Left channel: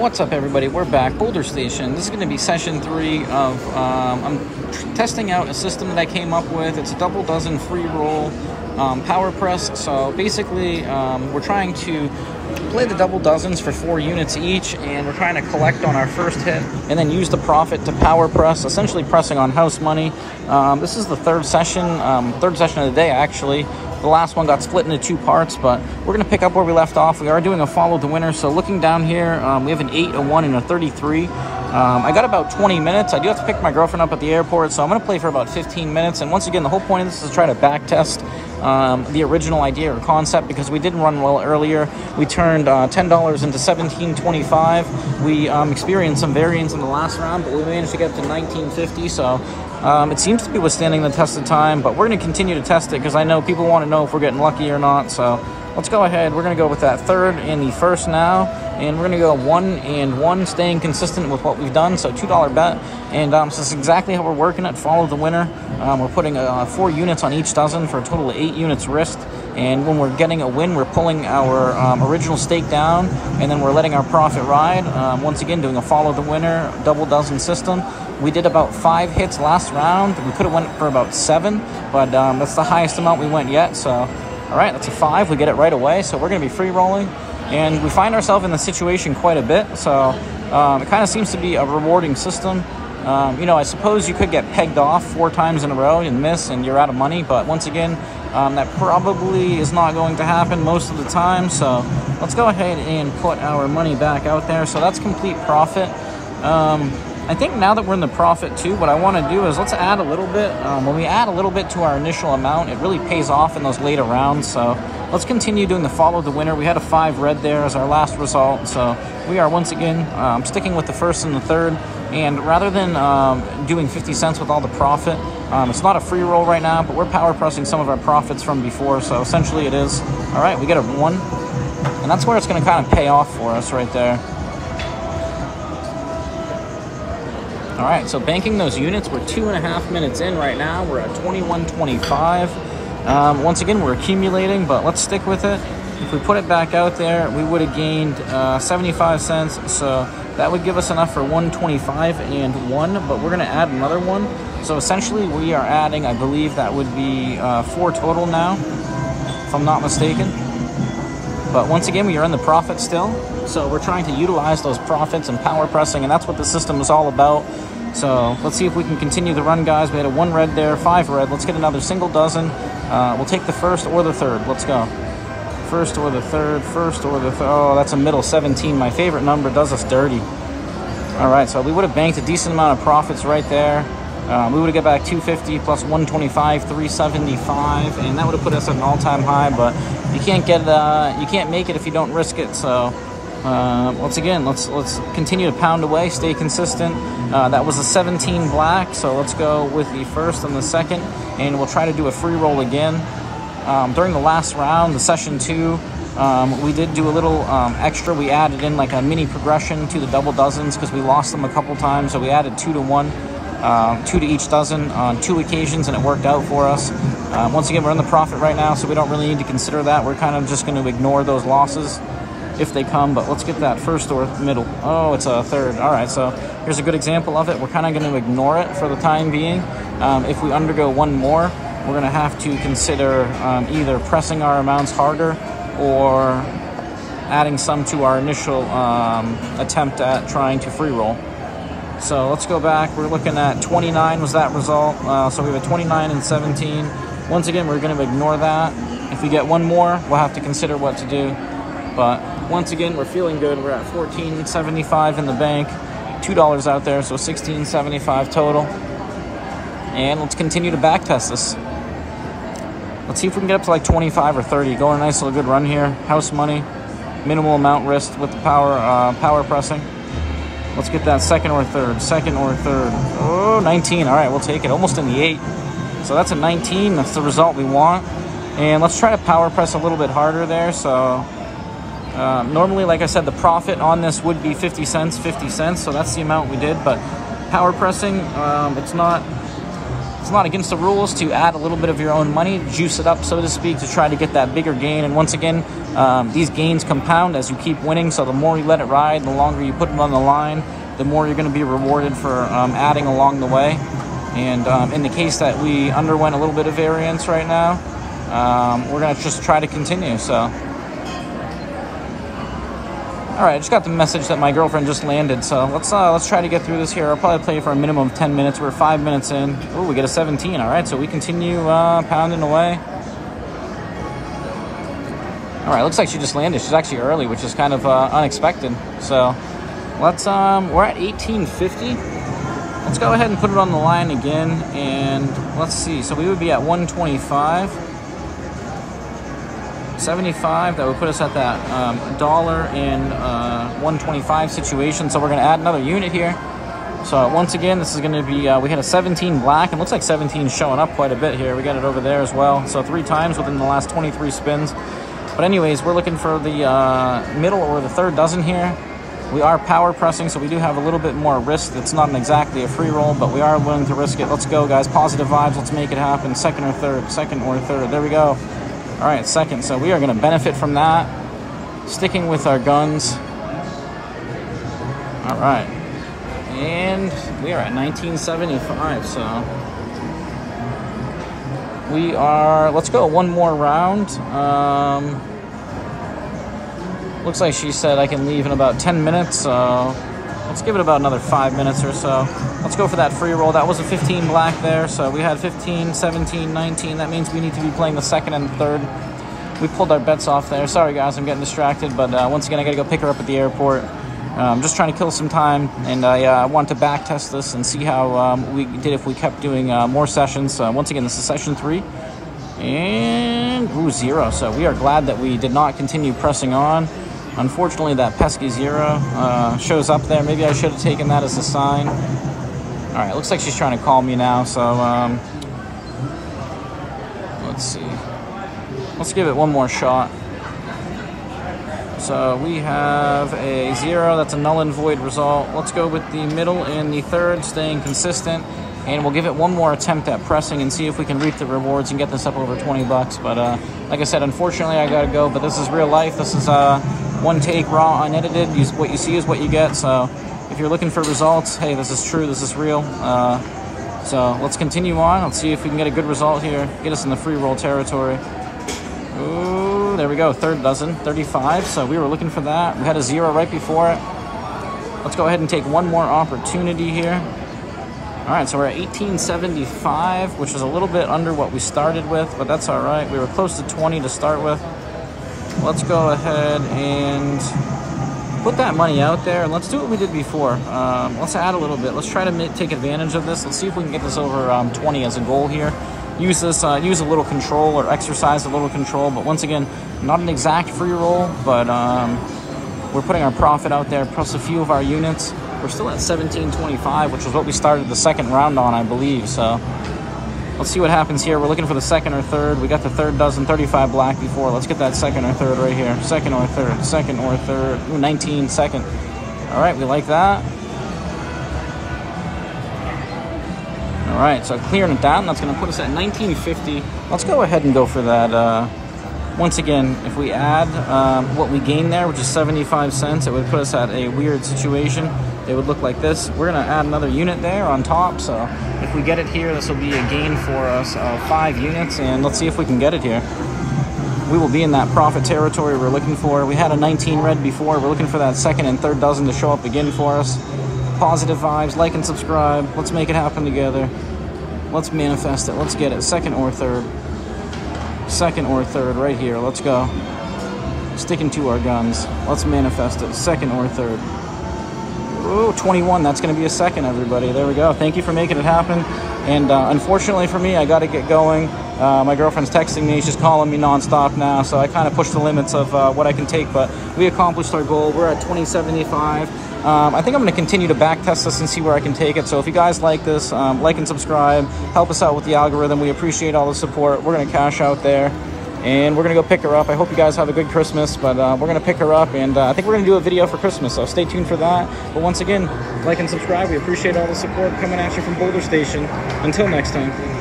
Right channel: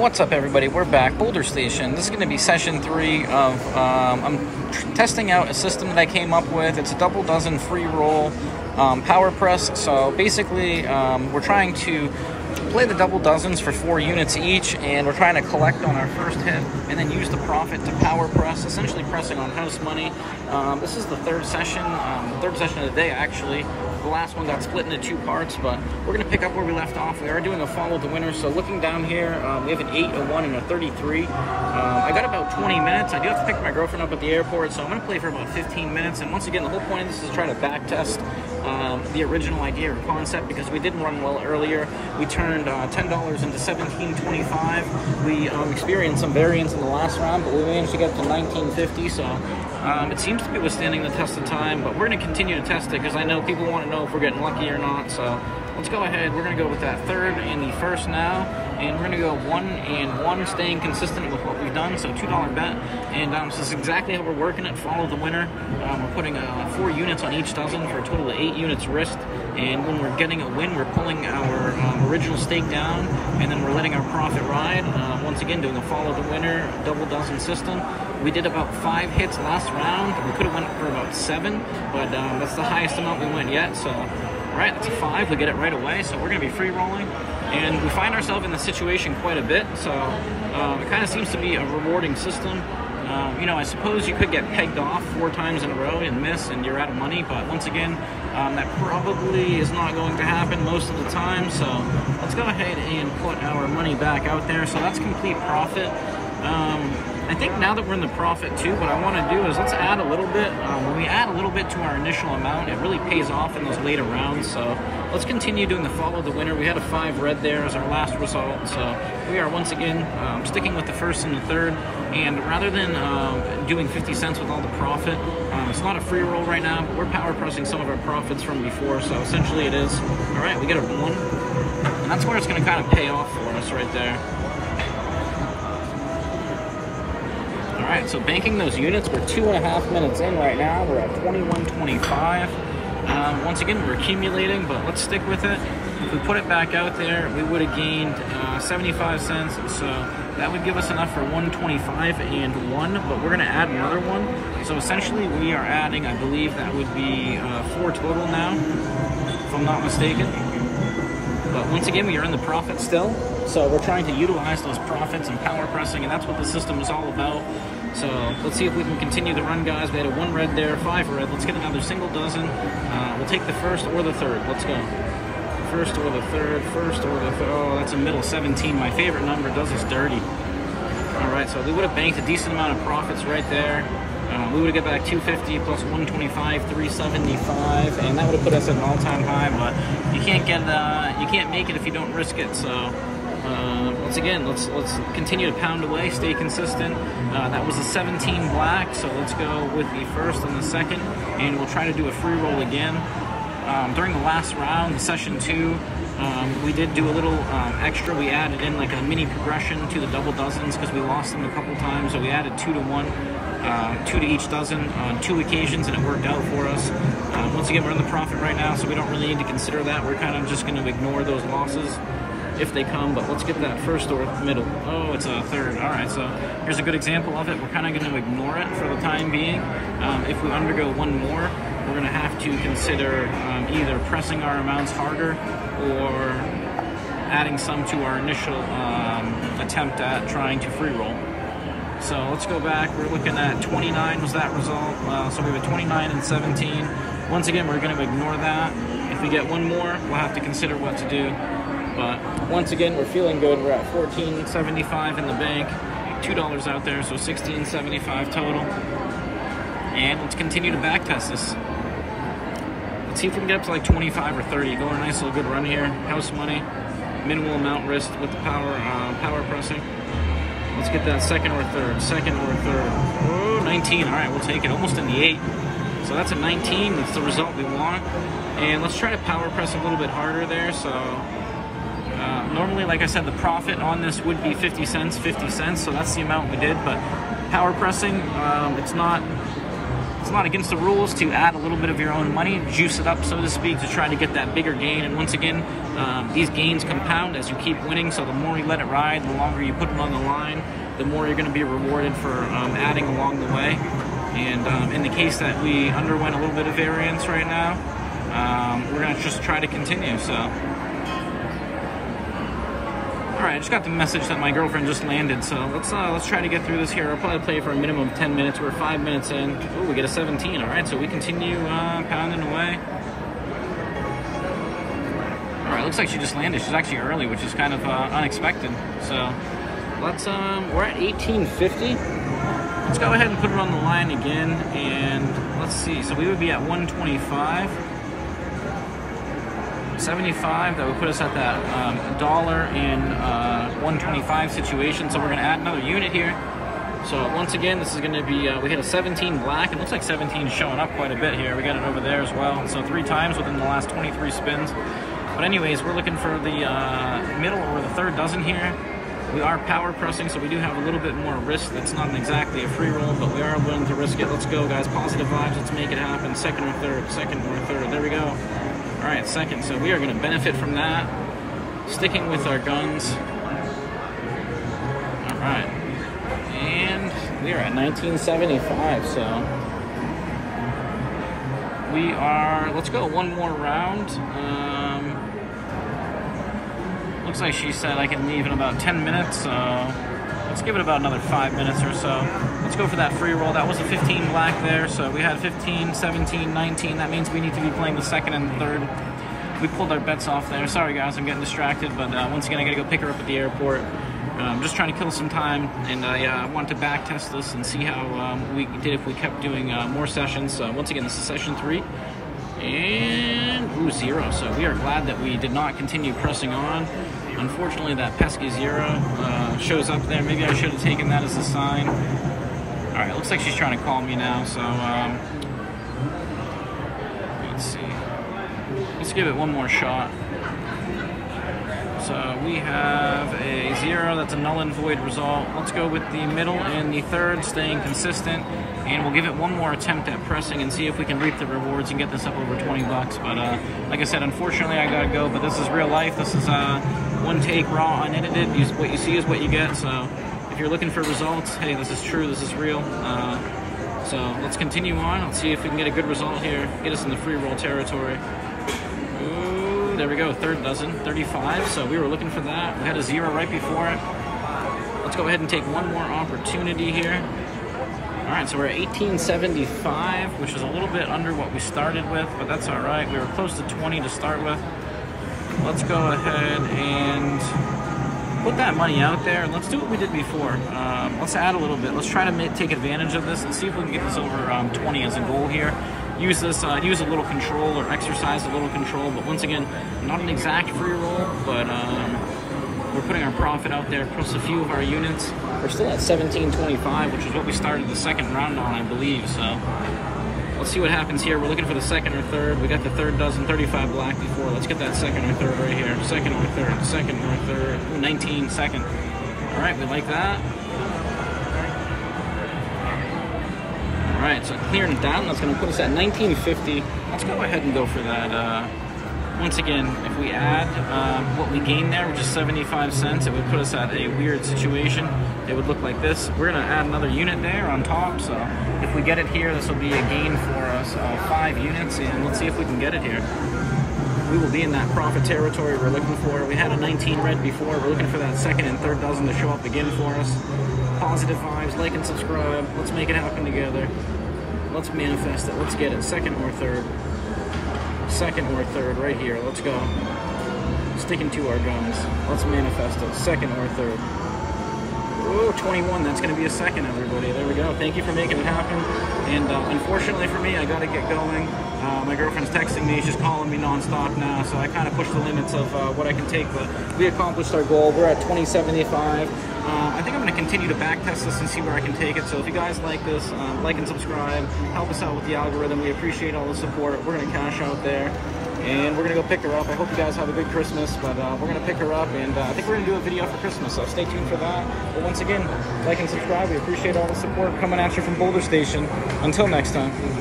What's up, everybody? We're back. Boulder Station. This is going to be session 3 of I'm testing out a system that I came up with. It's a double dozen free roll power press. So basically we're trying to play the double dozens for 4 units each, and we're trying to collect on our first hit and then use the profit to power press, essentially pressing on house money. This is the third session of the day, actually. The last one got split into 2 parts, but we're going to pick up where we left off. We are doing a follow the winner. So looking down here, we have an 8, a 1, and a 33. I got about 20 minutes. I do have to pick my girlfriend up at the airport, so I'm going to play for about 15 minutes. And once again, the whole point of this is to try to back test the original idea or concept, because we didn't run well earlier. We turned $10 into $17.25. We experienced some variance in the last round, but we managed to get to $19.50. So it seems to be withstanding the test of time, but we're going to continue to test it because I know people want to know if we're getting lucky or not. So let's go ahead. We're going to go with that third and the first now, and we're going to go 1 and 1, staying consistent with what we've done. So $2 bet, and so this is exactly how we're working it. Follow the winner. We're putting 4 units on each dozen for a total of 8 units risked. And when we're getting a win, we're pulling our original stake down, and then we're letting our profit ride. Once again, doing a follow the winner double dozen system. We did about 5 hits last round. We could have went for about 7, but that's the highest amount we went yet. So, all right, that's a 5. We get it right away. So we're going to be free rolling, and we find ourselves in the situation quite a bit. So it kind of seems to be a rewarding system. You know, I suppose you could get pegged off 4 times in a row and miss, and you're out of money. But once again, that probably is not going to happen most of the time. So let's go ahead and put our money back out there. So that's complete profit. I think now that we're in the profit too, what I want to do is let's add a little bit. When we add a little bit to our initial amount, it really pays off in those later rounds. So let's continue doing the follow the winner. We had a 5 red there as our last result. So we are once again sticking with the first and the third. And rather than doing 50 cents with all the profit, it's not a free roll right now, but we're power pressing some of our profits from before. So essentially it is. All right, we get a 1. And that's where it's going to kind of pay off for us right there. All right, so banking those units, we're 2.5 minutes in right now. We're at 21.25. Once again, we're accumulating, but let's stick with it. If we put it back out there, we would have gained 75 cents. So that would give us enough for 125 and 1, but we're gonna add another 1. So essentially we are adding, I believe that would be 4 total now, if I'm not mistaken. But once again, we are in the profit still. So we're trying to utilize those profits and power pressing, and that's what the system is all about. So let's see if we can continue the run, guys. We had a 1 red there, 5 red. Let's get another single dozen. We'll take the first or the third. Let's go. First or the third, first or the third. Oh, that's a middle 17. My favorite number does us dirty. All right, so we would have banked a decent amount of profits right there. We would have got back 250 plus 125, 375, and that would have put us at an all-time high. But you can't make it if you don't risk it. So once again, let's continue to pound away, stay consistent. That was a 17 black, so let's go with the first and the second, and we'll try to do a free roll again. During the last round, the session 2, we did do a little extra. We added in like a mini progression to the double dozens because we lost them a couple times, so we added 2 to 1. 2 to each dozen on 2 occasions, and it worked out for us. Once again, we're in the profit right now, so we don't really need to consider that. We're kind of just going to ignore those losses if they come, but let's get that first or middle. Oh, it's a third. All right, so here's a good example of it. We're kind of going to ignore it for the time being. If we undergo 1 more, we're going to have to consider either pressing our amounts harder or adding some to our initial attempt at trying to free roll. So let's go back. We're looking at 29 was that result. So we have a 29 and 17. Once again, we're going to ignore that. If we get 1 more, we'll have to consider what to do. But once again, we're feeling good. We're at 14.75 in the bank, $2 out there, so 16.75 total. And let's continue to back test this. Let's see if we can get up to like 25 or 30. Going a nice little good run here. House money, minimal amount risked with the power pressing. Let's get that second or third. Oh, 19. All right, we'll take it. Almost in the 8. So that's a 19. That's the result we want. And let's try to power press a little bit harder there. So normally, like I said, the profit on this would be 50 cents. So that's the amount we did. But power pressing, it's not It's not against the rules to add a little bit of your own money, juice it up, so to speak, to try to get that bigger gain. And once again, these gains compound as you keep winning. So the more you let it ride, the longer you put them on the line, the more you're going to be rewarded for adding along the way. And in the case that we underwent a little bit of variance right now, we're going to just try to continue. So. All right, I just got the message that my girlfriend just landed, so let's try to get through this here. I'll probably play for a minimum of 10 minutes. We're 5 minutes in. Oh, we get a 17. All right, so we continue pounding away. All right, looks like she just landed. She's actually early, which is kind of unexpected. So let's we're at 1850. Let's go ahead and put it on the line again, and let's see. So we would be at 125. 75, that would put us at that $1 and 125 situation. So we're going to add another unit here. So once again, this is going to be, we had a 17 black. It looks like 17 is showing up quite a bit here. We got it over there as well. So 3 times within the last 23 spins. But anyways, we're looking for the middle or the third dozen here. We are power pressing, so we do have a little bit more risk. It's not exactly a free roll, but we are willing to risk it. Let's go, guys. Positive vibes. Let's make it happen. Second or third. Second or third. There we go. All right, second. So we are going to benefit from that. Sticking with our guns. All right. And we are at 1975. So we are, let's go one more round. Looks like she said I can leave in about 10 minutes. So let's give it about another 5 minutes or so. Let's go for that free roll. That was a 15 black there. So we had 15, 17, 19. That means we need to be playing the second and third. We pulled our bets off there. Sorry, guys, I'm getting distracted. But once again, I got to go pick her up at the airport. I'm just trying to kill some time. And I want to back test this and see how we did if we kept doing more sessions. Once again, this is session 3. And, ooh, 0. So we are glad that we did not continue pressing on. Unfortunately, that pesky 0 shows up there. Maybe I should have taken that as a sign. All right, looks like she's trying to call me now. So let's see. Let's give it one more shot. So we have a 0. That's a null and void result. Let's go with the middle and the third, staying consistent. And we'll give it one more attempt at pressing and see if we can reap the rewards and get this up over 20 bucks. But like I said, unfortunately, I got to go. But this is real life. This is one take, raw, unedited. What you see is what you get. So if you're looking for results, hey, this is true. This is real. So let's continue on. Let's see if we can get a good result here. Get us in the free roll territory. Ooh, there we go. Third dozen, 35. So we were looking for that. We had a 0 right before it. Let's go ahead and take one more opportunity here. All right, so we're at 1875, which is a little bit under what we started with, but that's all right. We were close to 20 to start with. Let's go ahead and put that money out there, and let's do what we did before. Let's add a little bit. Let's try to take advantage of this. Let's see if we can get this over 20 as a goal here. Use this, use a little control or exercise a little control, but once again, not an exact free roll, but we're putting our profit out there, plus a few of our units. We're still at 1725, which is what we started the second round on, I believe. So let's see what happens here. We're looking for the second or third. We got the third dozen, 35 black before. Let's get that second or third right here. Second or third, second or third. Ooh, 19 second. All right, we like that. All right, so clearing it down. That's going to put us at 1950. Let's go ahead and go for that. Once again, if we add what we gained there, which is 75 cents, it would put us at a weird situation. It would look like this. We're going to add another unit there on top. So if we get it here, this will be a gain for us of 5 units. And let's see if we can get it here. We will be in that profit territory we're looking for. We had a 19 red before. We're looking for that second and third dozen to show up again for us. Positive vibes. Like and subscribe. Let's make it happen together. Let's manifest it. Let's get it. Second or third. Second or third right here. Let's go. Sticking to our guns. Let's manifest it. Second or third. Ooh, 21. That's going to be a second, everybody. There we go. Thank you for making it happen. And unfortunately for me, I got to get going. My girlfriend's texting me. She's calling me nonstop now. So I kind of pushed the limits of what I can take. But we accomplished our goal. We're at 2075. I think I'm going to continue to back test this and see where I can take it. So if you guys like this, like and subscribe. Help us out with the algorithm. We appreciate all the support. We're going to cash out there. and we're gonna go pick her up. I hope you guys have a good Christmas, but we're gonna pick her up, and I think we're gonna do a video for Christmas, so stay tuned for that. But once again, like and subscribe. We appreciate all the support coming at you from Boulder Station. Until next time.